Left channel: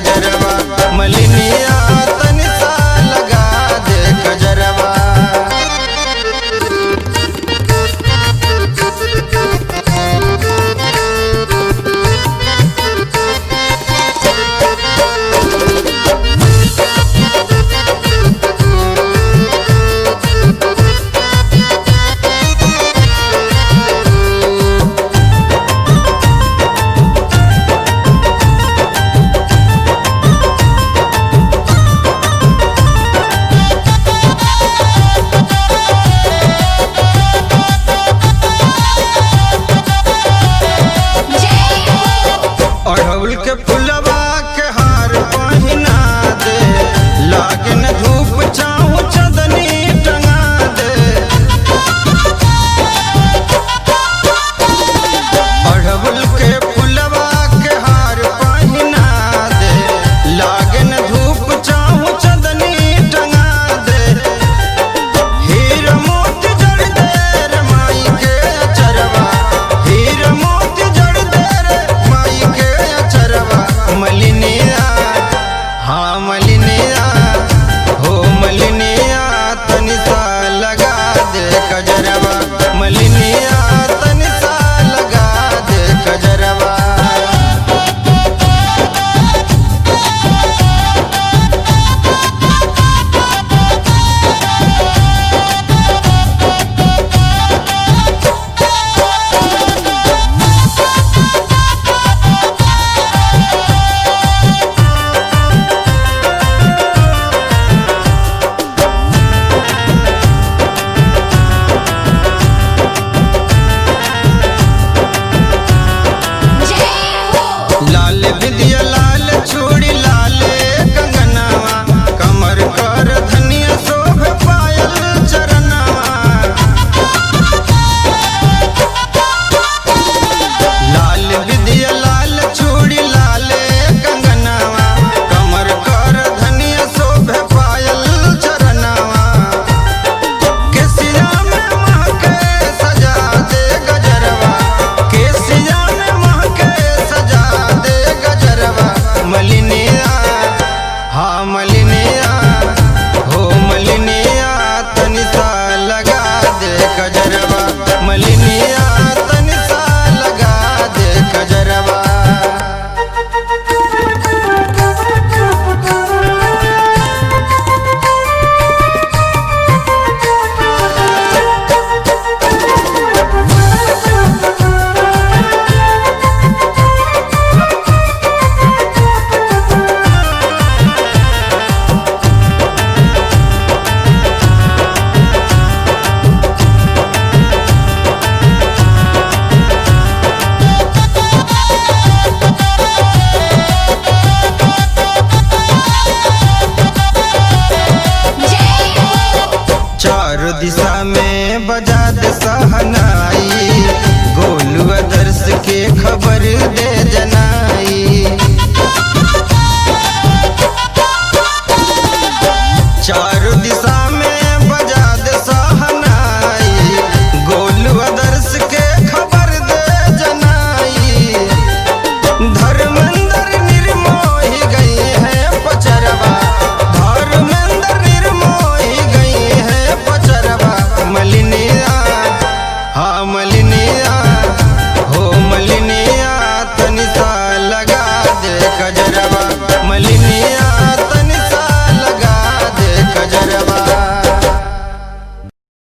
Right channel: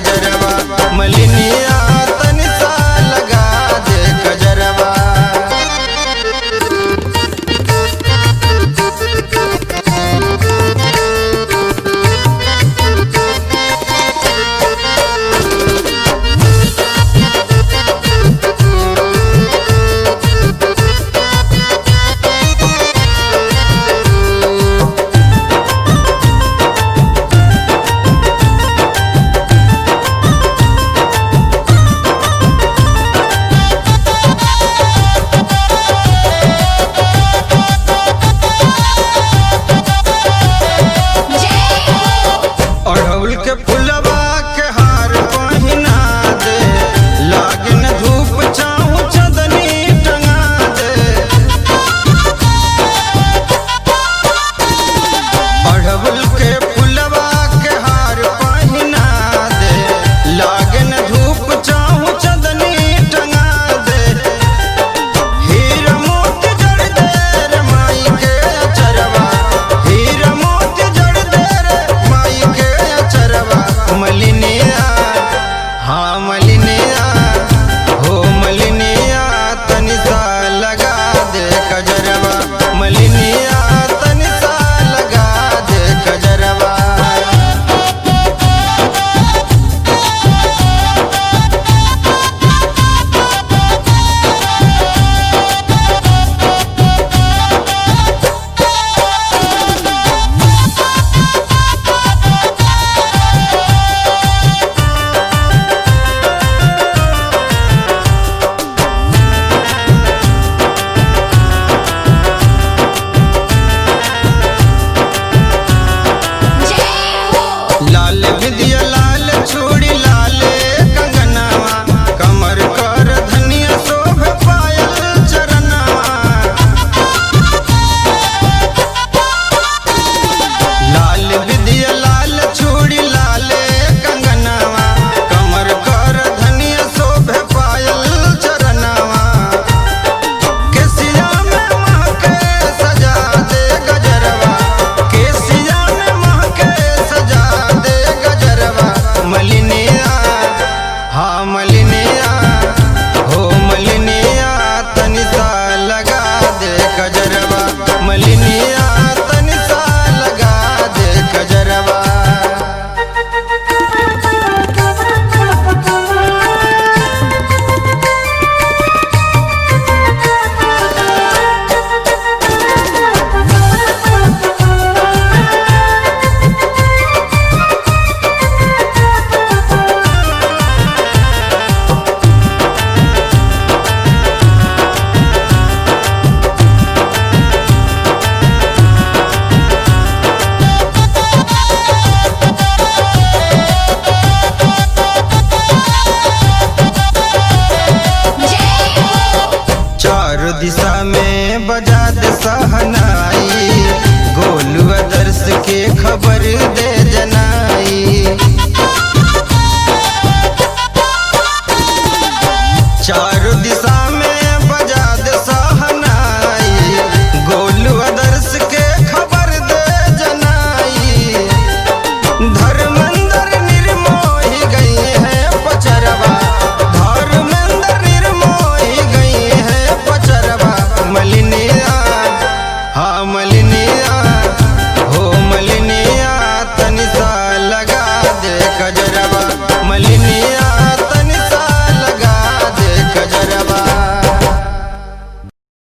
कजरवा मलिनिया तनी सा लगा दे कजरवा। अड़हुल के फुलवा के हार पहिना दे, लागन धूप छाँव चंदनी टंगा दे। अड़हुल के फुलवा के हार पहिना दे, लागन धूप छाँव चंदनी टंगा दे। हीरा मोती जड़ दे रे माई के अचरवा, हीरा मोती जड़ दे रे माई के अचरवा। मलिनिया हाँ मलिनिया हो मलिनिया तनी सा लगा दे कजरवा, मलिनिया तनी सा लगा दे कजरवा। लाल बिंदिया लाल चूड़ी लाल कंगनवा, कमर कर धनिया शोभ पायल चरनवा। लाल बिंदिया लाल चूड़ी लाल कंगनवा, कमर कर धनिया शोभ पायल चरनवा। केसिया में महके सजा दे गजरवा, केसिया में महके सजा दे गजरवा। मलिनिया हाँ मलिनिया हो मलिनिया तनी सा लगा दे कजरवा, मलिनिया तनी सा लगा दे कजरवा। चारों दिशा में बजा दे सहनाई, गोलू आदर्श के खबर दे जनाई। चारों दिशा में बजा दे सहनाई, गोलू आदर्श के खबर दे जनाई। धर्मेंद्र निर्मोही गई है पचरवा, धर्मेंद्र निर्मोही गई है पचरवा। मलिनिया हाँ मलिनिया हो मलिनिया तनी सा लगा दे कजरवा, मलिनिया